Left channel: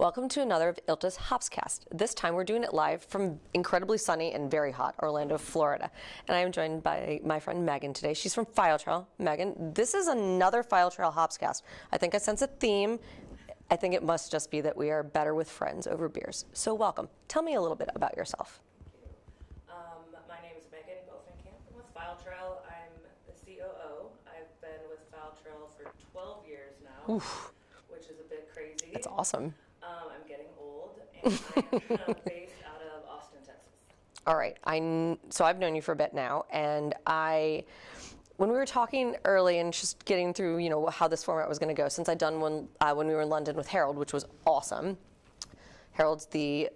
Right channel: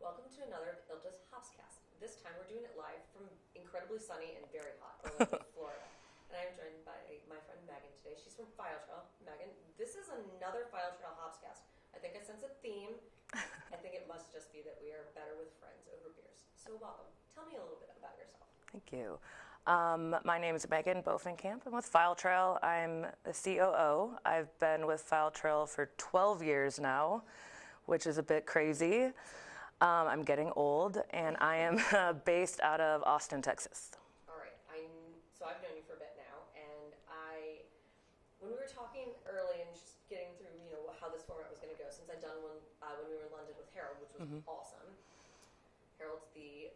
Welcome to another of ILTA's HOPSCAST. This time we're doing it live from incredibly sunny and very hot Orlando, Florida. And I am joined by my friend Megan today. She's from FileTrail. Megan, this is another FileTrail HOPSCAST. I think I sense a theme. I think it must just be that we are better with friends over beers. So welcome. Tell me a little bit about yourself. Thank you. My name is Megan Bofinkamp. I'm with FileTrail. I'm the COO. I've been with FileTrail for 12 years now. Oof. Which is a bit crazy. That's awesome. I'm getting old, and I am based out of Austin, Texas. All right. So I've known you for a bit now, and when we were talking early and just getting through, how this format was going to go, since I'd done one when we were in London with Harold, which was awesome. Harold's the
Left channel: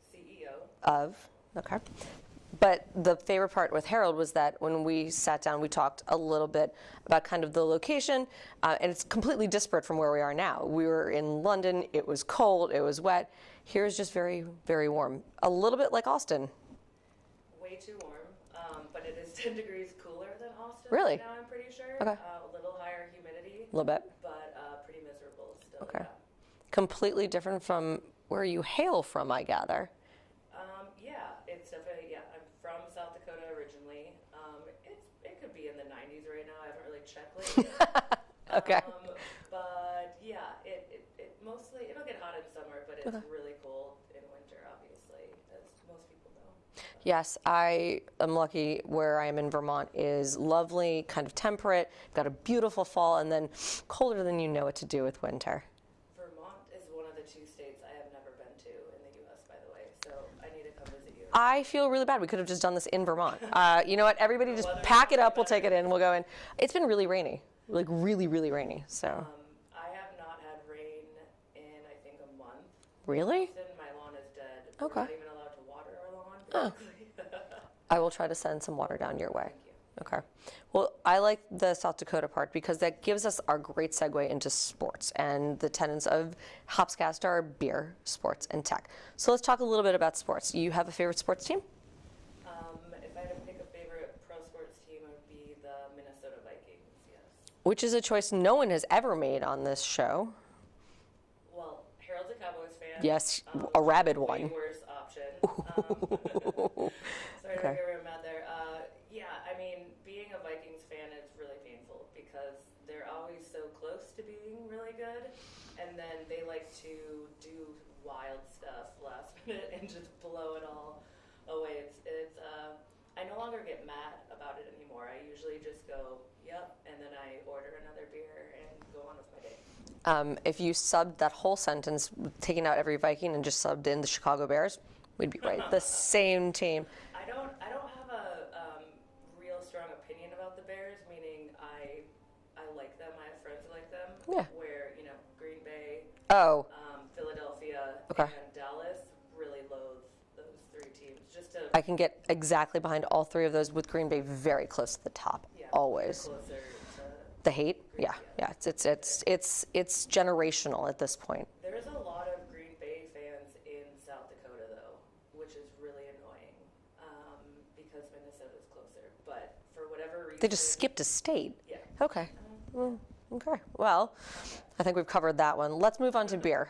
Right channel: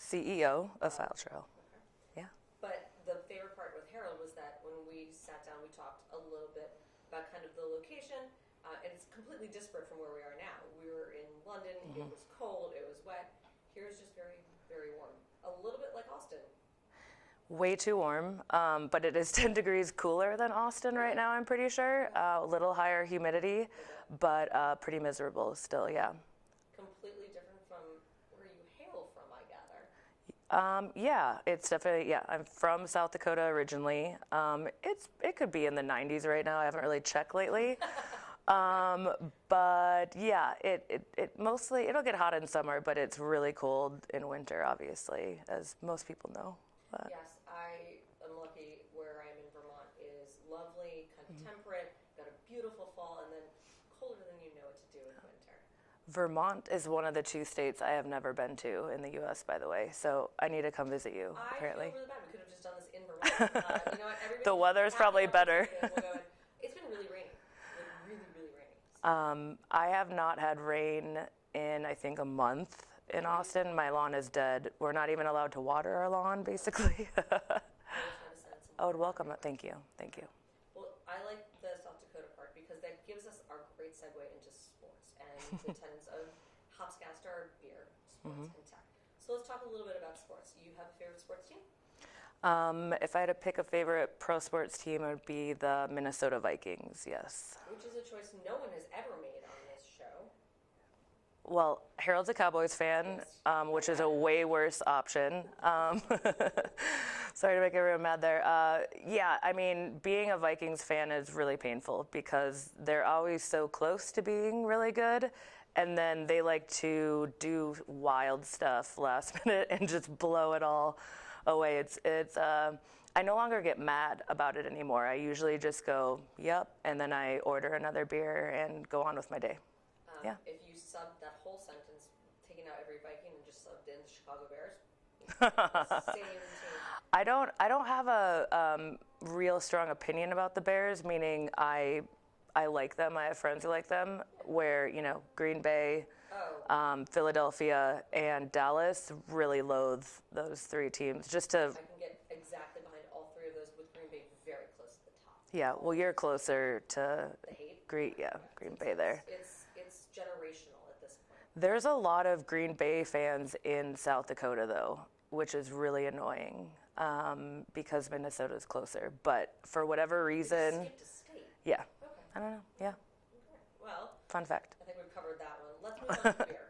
CEO of FileTrail. Okay. Yeah. But the favorite part with Harold was that when we sat down, we talked a little bit about kind of the location, and it's completely disparate from where we are now. We were in London, it was cold, it was wet. Here's just very, very warm. A little bit like Austin. Way too warm, but it is 10 degrees cooler than Austin right now, I'm pretty sure. Okay. A little higher humidity. A little bit. But pretty miserable still, yeah. Completely different from where you hail from, I gather. Yeah, it's definitely, I'm from South Dakota originally. It could be in the 90s right now. I haven't really checked lately. Okay. But yeah, it mostly, it'll get hot in summer, but it's really cold in winter, obviously, as most people know. But. Yes, I am lucky where I am in Vermont is lovely, kind of temperate, got a beautiful fall, and then colder than you know what to do with winter. Vermont is one of the 2 states I have never been to in the U.S., by the way, so I need to come visit you. I feel really bad. We could have just done this in Vermont. You know what? Everybody just pack it up, we'll take it in, we'll go in. It's been really rainy, like really, really rainy. So I have not had rain in, I think, a month. Really? In Austin, my lawn is dead. Okay. We're not even allowed to water our lawn, basically. I will try to send some water down your way. Thank you. Thank you. Well, I like the South Dakota part because that gives us our great segue into sports and the tenets of HOPSCAST are beer, sports, and tech. So let's talk a little bit about sports. You have a favorite sports team? If I had to pick a favorite pro sports team, it would be the Minnesota Vikings, yes. Which is a choice no one has ever made on this show. Well, Harold's a Cowboys fan. Yes, which a rabid is a way one. Worse option. Sorry to make everyone mad there. Yeah, I mean, being a Vikings fan is really painful because they're always so close to being really good, and then they like to do wild stuff last minute and just blow it all away. It's I no longer get mad about it anymore. I usually just go, yep, and then I order another beer and go on with my day. If you subbed that whole sentence, taking out every Viking and just subbed in the Chicago Bears, we'd be great. The same team. I don't have a real strong opinion about the Bears, meaning I like them. I have friends who like them. Yeah. Where Green Bay, Philadelphia, and Dallas really loathe those 3 teams. I can get exactly behind all 3 of those, with Green Bay very close to the top. Yeah, always. Well, you're closer to the hate. Green. Yeah. It's generational at this point. There's a lot of Green Bay fans in South Dakota, though, which is really annoying. Because Minnesota's closer, but for whatever reason... They just skipped a state? Yeah. Okay. I don't know, yeah. Okay. Well, fun fact. I think we've covered that one. Let's move on to beer.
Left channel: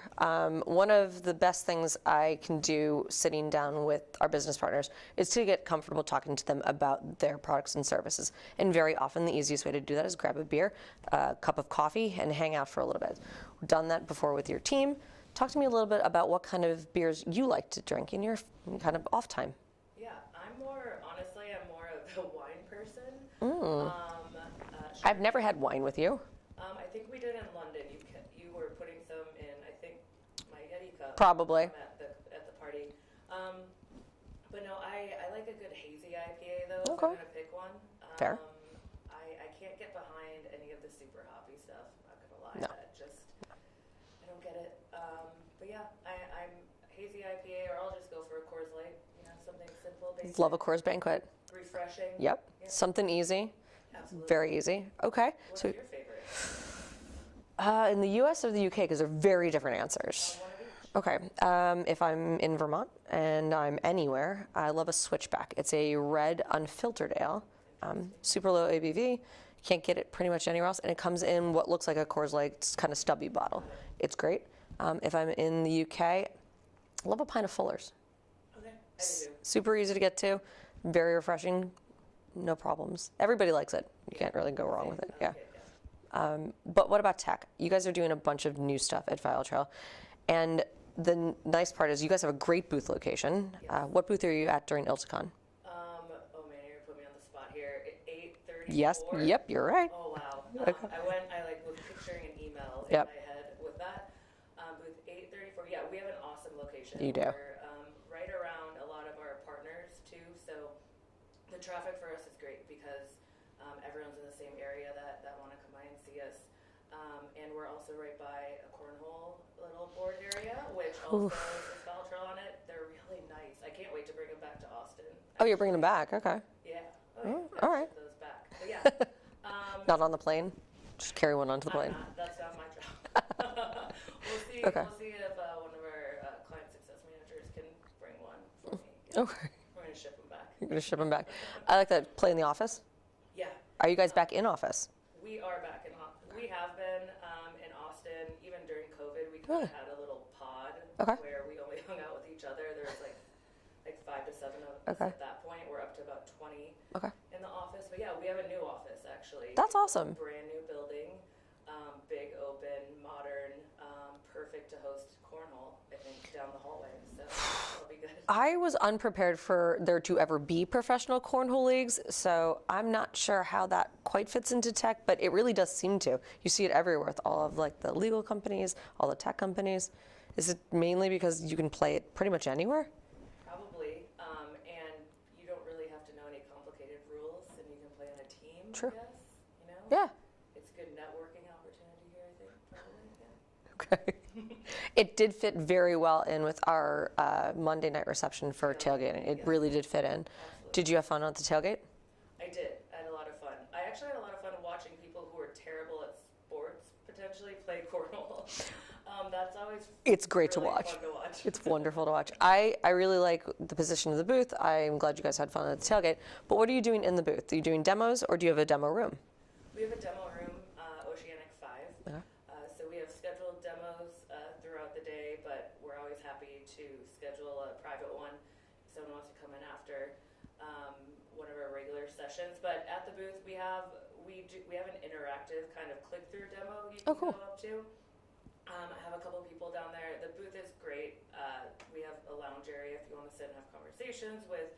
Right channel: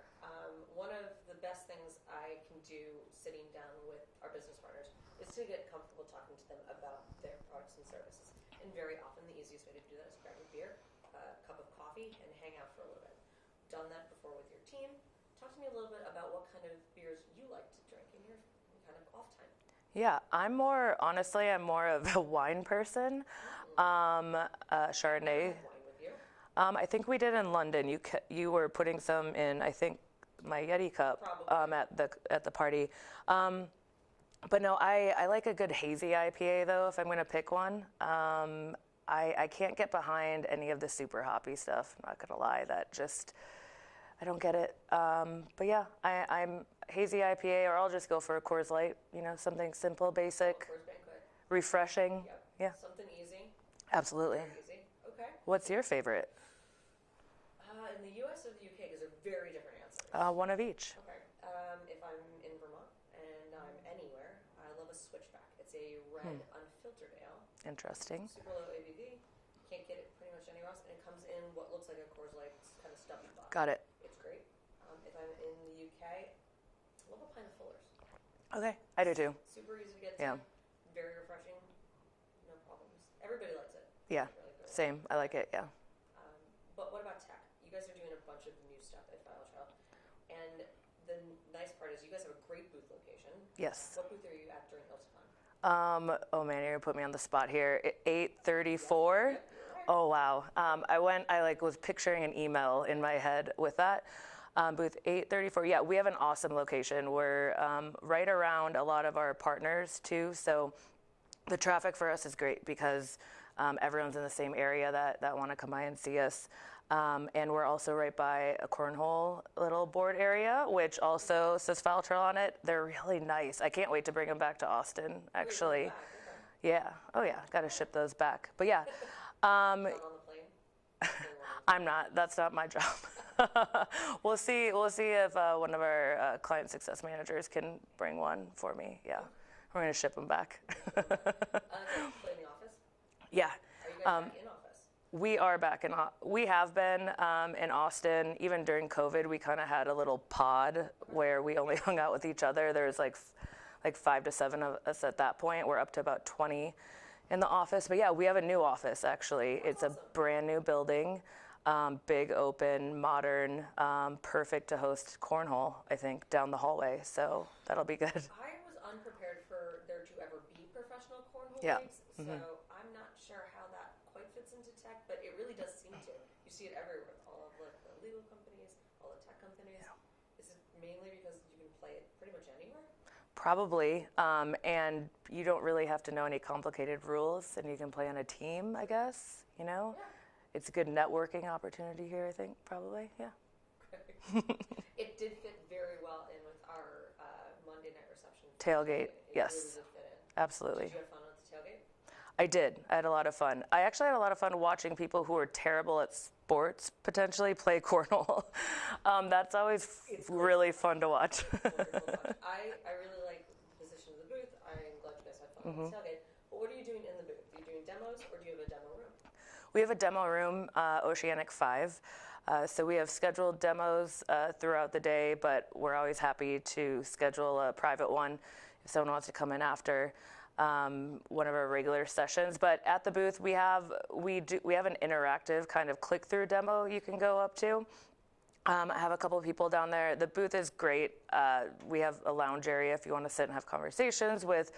One of the best things I can do sitting down with our business partners is to get comfortable talking to them about their products and services. And very often the easiest way to do that is grab a beer, a cup of coffee, and hang out for a little bit. We've done that before with your team. Talk to me a little bit about what kind of beers you like to drink in your kind of off time. Yeah, I'm more of a wine person. I've never had wine with you. I think we did in London. You were putting some in, I think, my Yeti cup. Probably. At the party. But no, I like a good hazy IPA, though, if I'm going to pick one. Fair. I can't get behind any of the super hoppy stuff, I'm not going to lie. No. I don't get it. But yeah, I'm hazy IPA, or I'll just go for a Coors Light, something simple, basic. Love a Coors Banquet. Refreshing. Yep. Yeah. Something easy. Absolutely. Very easy. Okay. What's your favorite? In the U.S. or the U.K., because they're very different answers. One of each. Okay. If I'm in Vermont and I'm anywhere, I love a Switchback. It's a red unfiltered ale. Interesting. Super low ABV. Can't get it pretty much anywhere else, and it comes in what looks like a Coors Light kind of stubby bottle. Got it. It's great. If I'm in the UK, I love a pint of Fuller's. Okay, I do too. Super easy to get to, very refreshing, no problems. Everybody likes it. You can't really go wrong Same. with it. I like it, yeah. But what about tech? You guys are doing a bunch of new stuff at FileTrail. And the nice part is you guys have a great booth location. Yes. What booth are you at during ILTACON? Oh man, you're gonna put me on the spot here. 834. Yes. Yep, you're right. Oh wow. I was picturing an email in my head with that. Booth 834. Yeah, we have an awesome location. We're right around a lot of our partners too. So the traffic for us is great because everyone's in the same area that want to come by and see us. And we're also right by a cornhole little board area, which also says FileTrail on it. They're really nice. I can't wait to bring them back to Austin. Actually. Oh, you're bringing them back? Okay. Yeah. Oh, yeah. Got to ship those back. But yeah. Not on the plane? Just carry one onto the plane. I'm not. That's not my job. We'll see. Okay. We'll see if one of our client success managers can bring one for me. Yeah. Okay. We're going to ship them back. You're going to ship them back. I like that. Play in the office? Yeah. Are you guys back in office? We are back we have been in Austin. Even during COVID, we kind of had a little pod where we only hung out with each other. There was like 5 to 7 of us at that point. We're up to about 20 in the office. But yeah, we have a new office actually. That's awesome. It's a brand new building, big, open, modern, perfect to host cornhole, I think, down the hallway. So that'll be good. I was unprepared for there to ever be professional cornhole leagues, so I'm not sure how that quite fits into tech, but it really does seem to. You see it everywhere with all of like the legal companies, all the tech companies. Is it mainly because you can play it pretty much anywhere? Probably, and you don't really have to know any complicated rules, and you can play on a team, I guess, you know? Yeah. It's a good networking opportunity here, I think, probably, yeah. Okay. It did fit very well in with our Monday night reception for tailgating. It really did fit in. Absolutely. Did you have fun at the tailgate? I did. I had a lot of fun. I actually had a lot of fun watching people who are terrible at sports potentially play cornhole. That's always really fun to watch. It's wonderful to watch. I really like the position of the booth. I'm glad you guys had fun at the tailgate. But what are you doing in the booth? Are you doing demos or do you have a demo room? We have a demo room, Oceanic 5. So we have scheduled demos throughout the day, but we're always happy to schedule a private one if someone wants to come in after one of our regular sessions. But at the booth, we have an interactive kind of click-through demo you can go up to. I have a couple of people down there. The booth is great. We have a lounge area if you want to sit and have conversations with.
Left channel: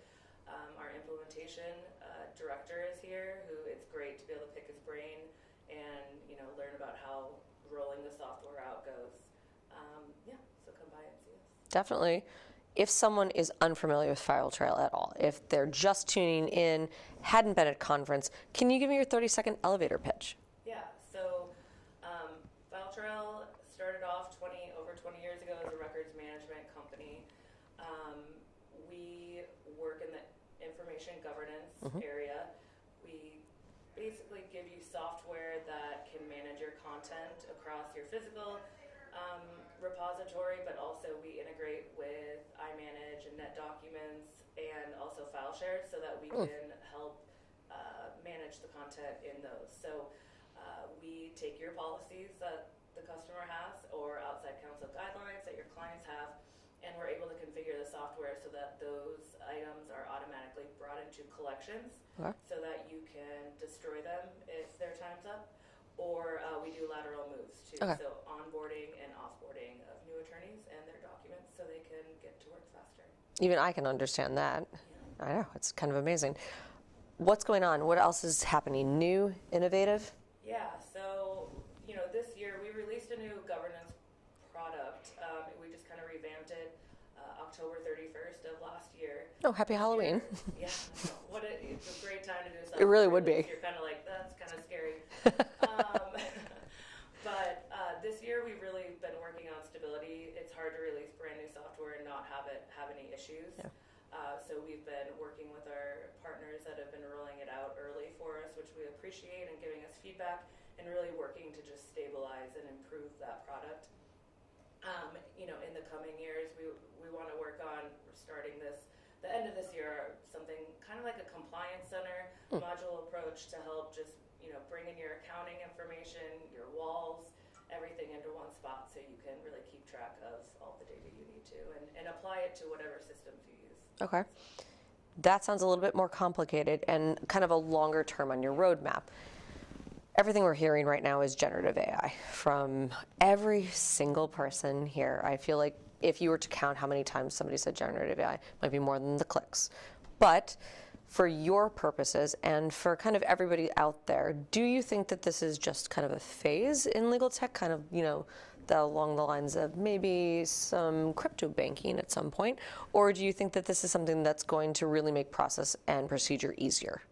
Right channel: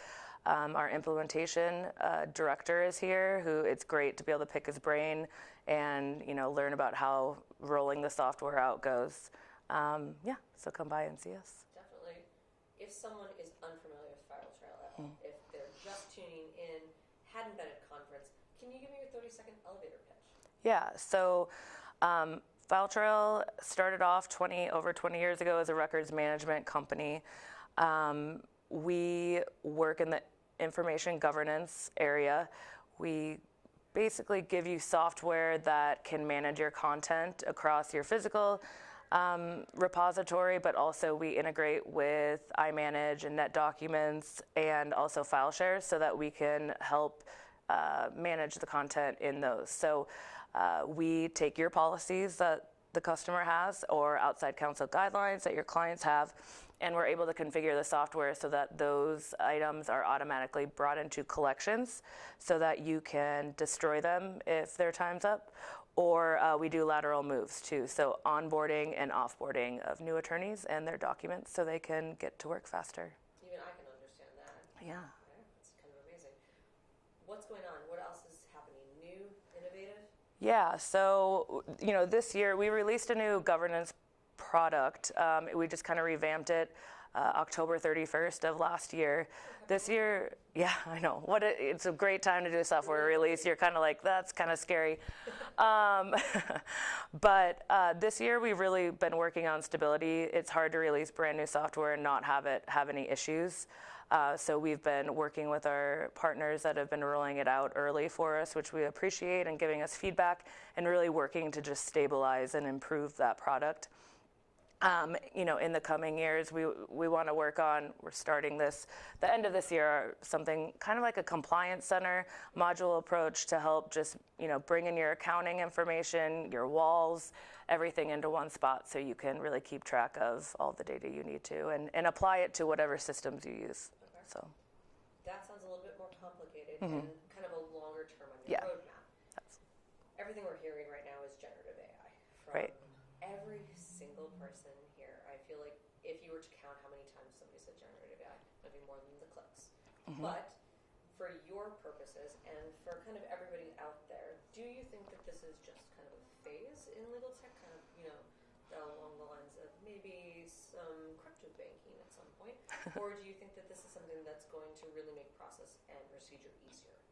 Our implementation director is here, who it's great to be able to pick his brain and learn about how rolling the software out goes. So come by and see us. Definitely. If someone is unfamiliar with FileTrail at all, if they're just tuning in, hadn't been at conference, can you give me your 30-second elevator pitch? Yeah. So FileTrail started off over 20 years ago as a records management company. We work in the information governance area. We basically give you software that can manage your content across your physical repository, but also we integrate with iManage and NetDocuments and also file shares so that we can help manage the content in those. So we take your policies that the customer has or outside counsel guidelines that your clients have, and we're able to configure the software so that those items are automatically brought into collections so that you can destroy them if their time's up. Or we do lateral moves too, so onboarding and offboarding of new attorneys and their documents so they can get to work faster. Even I can understand that. Yeah. I know, it's kind of amazing. What's going on? What else is happening? New, innovative? Yeah, so this year we released a new governance product. We just kind of revamped it October 31st of last year. Oh, happy Halloween. Year, yeah, I know. It's a great time to do a software release. You're kind of like, that's kind of scary. But this year we've really been working on stability. It's hard to release brand new software and not have it have any issues. So we've been working with our partners that have been rolling it out early for us, which we appreciate, and giving us feedback and really working to just stabilize and improve that product. In the coming years, we want to work on, we're starting the end of this year, something kind of like a compliance center module approach to help just, bring in your accounting information, your walls, everything into one spot so you can really keep track of all the data you need to and apply it to whatever systems you use. Okay. So. That sounds a little bit more complicated and kind of a longer term on your roadmap. Everything we're hearing right now is generative AI from every single person here. I feel like if you were to count how many times somebody said generative AI, it might be more than the clicks. But for your purposes and for kind of everybody out there, do you think that this is just kind of a phase in legal tech, kind of, you know, along the lines of maybe some crypto banking at some point? Or do you think that this is something that's going to really make process and procedure easier?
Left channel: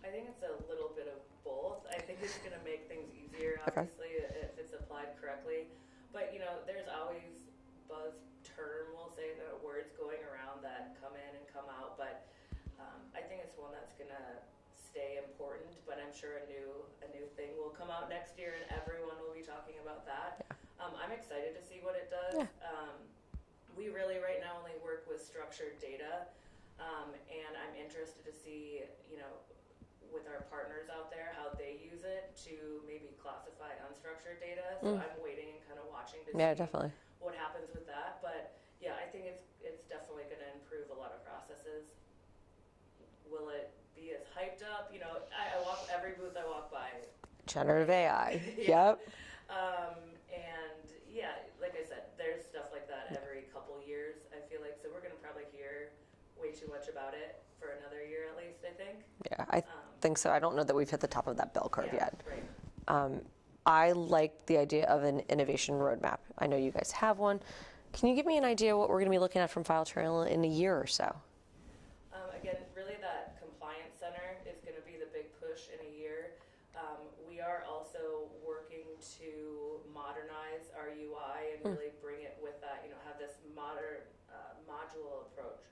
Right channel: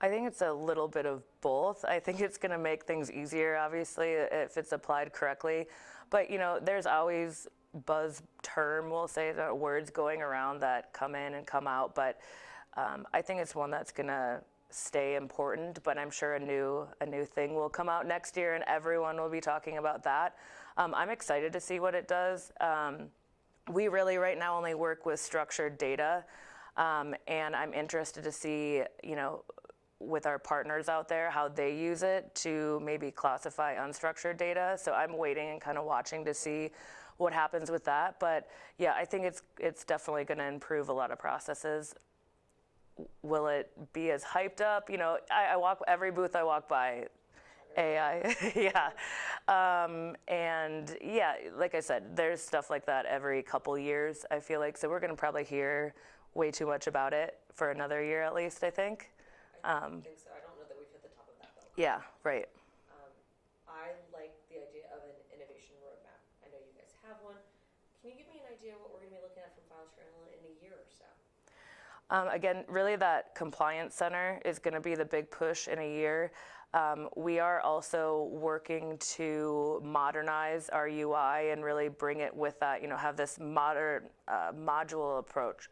I think it's a little bit of both. I think it's going to make things easier, obviously, if it's applied correctly. But, you know, there's always buzz term, we'll say, the words going around that come in and come out. But I think it's one that's going to stay important, but I'm sure a new thing will come out next year and everyone will be talking about that. I'm excited to see what it does. We really right now only work with structured data, and I'm interested to see, you know, with our partners out there, how they use it to maybe classify unstructured data. So I'm waiting and kind of watching to see what happens with that. But yeah, I think it's definitely going to improve a lot of processes. Will it be as hyped up? You know, I walk every booth I walk by. Generative AI. Yeah. And yeah, like I said, there's stuff like that every couple years, I feel like. So we're going to probably hear way too much about it for another year at least, I think. Yeah, I think so. I don't know that we've hit the top of that bell curve yet. Right. I like the idea of an innovation roadmap. I know you guys have one. Can you give me an idea what we're going to be looking at from FileTrail in a year or so? Again, really that compliance center is going to be the big push in a year. We are also working to modernize our UI and really bring it with that, you know, have this modern module approach.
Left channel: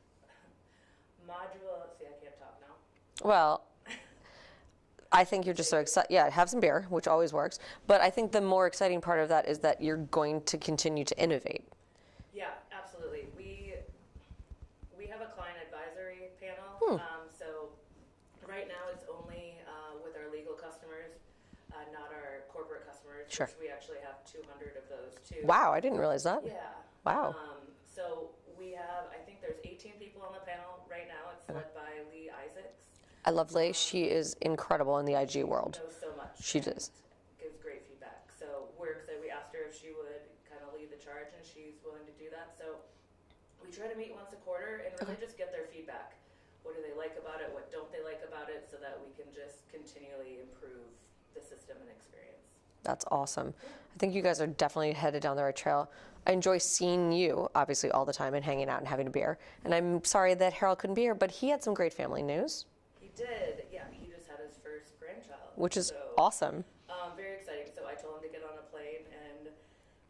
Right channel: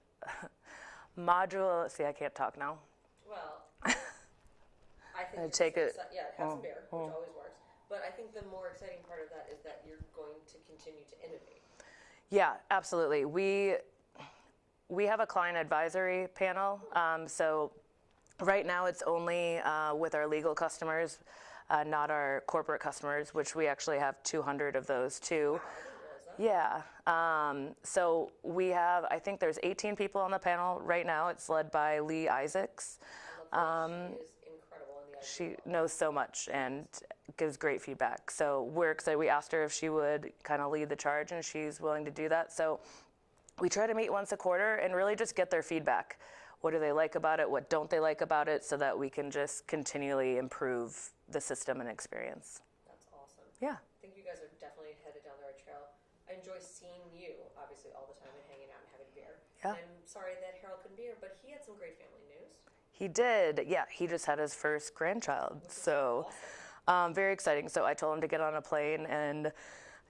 See, I can't talk now. Well, I think you're just so excited. Yeah, have some beer, which always works. But I think the more exciting part of that is that you're going to continue to innovate. Yeah, absolutely. We have a client advisory panel. So right now it's only with our legal customers, not our corporate customers, which we actually have 200 of those too. Wow, I didn't realize that. Yeah. Wow. So we have, I think there's 18 people on the panel right now. It's led by Lee Isaacs. I love Lee. She is incredible in the IG world. She knows so much She and does. gives great feedback. So we're excited. We asked her if she would kind of lead the charge, and she's willing to do that. So we try to meet once a quarter and really just get their feedback. What do they like about it? What don't they like about it? So that we can just continually improve the system and experience. That's awesome. Yeah. I think you guys are definitely headed down the right trail. I enjoy seeing you, obviously, all the time and hanging out and having a beer. Yeah. And I'm sorry that Harold couldn't be here, but he had some great family news. He did. Yeah, he just had his first grandchild. Which is awesome. Very exciting. So I told him to get on a plane and,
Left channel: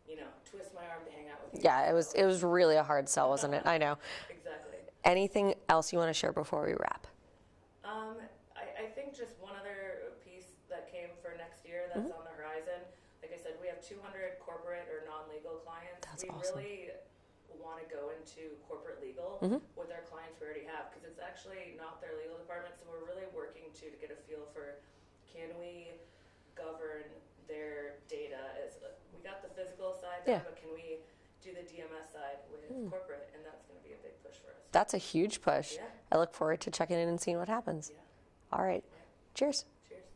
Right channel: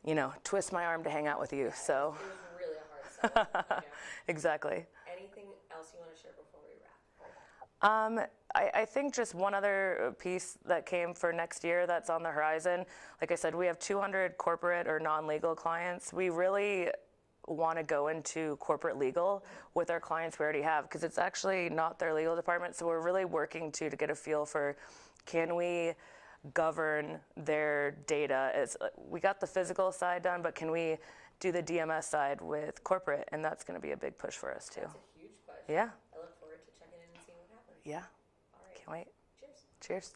you know, twist my arm to hang out with you. Yeah, so. it was really a hard sell, wasn't it? I know. Exactly. Anything else you want to share before we wrap? I think just one other piece that came for next year that's on the horizon. Like I said, we have 200 corporate or non-legal clients. That's awesome. Really want to go into corporate legal with our clients we already have, because it's actually not their legal department. So we're really working to get a feel for, can we govern their data? As we got the physical side done, but can we do the DMS side with corporate? And that's going to be a big push for us too. That's a huge push. Yeah. I look forward to checking in and seeing what happens. Yeah. All right. Can't wait. Cheers. Cheers.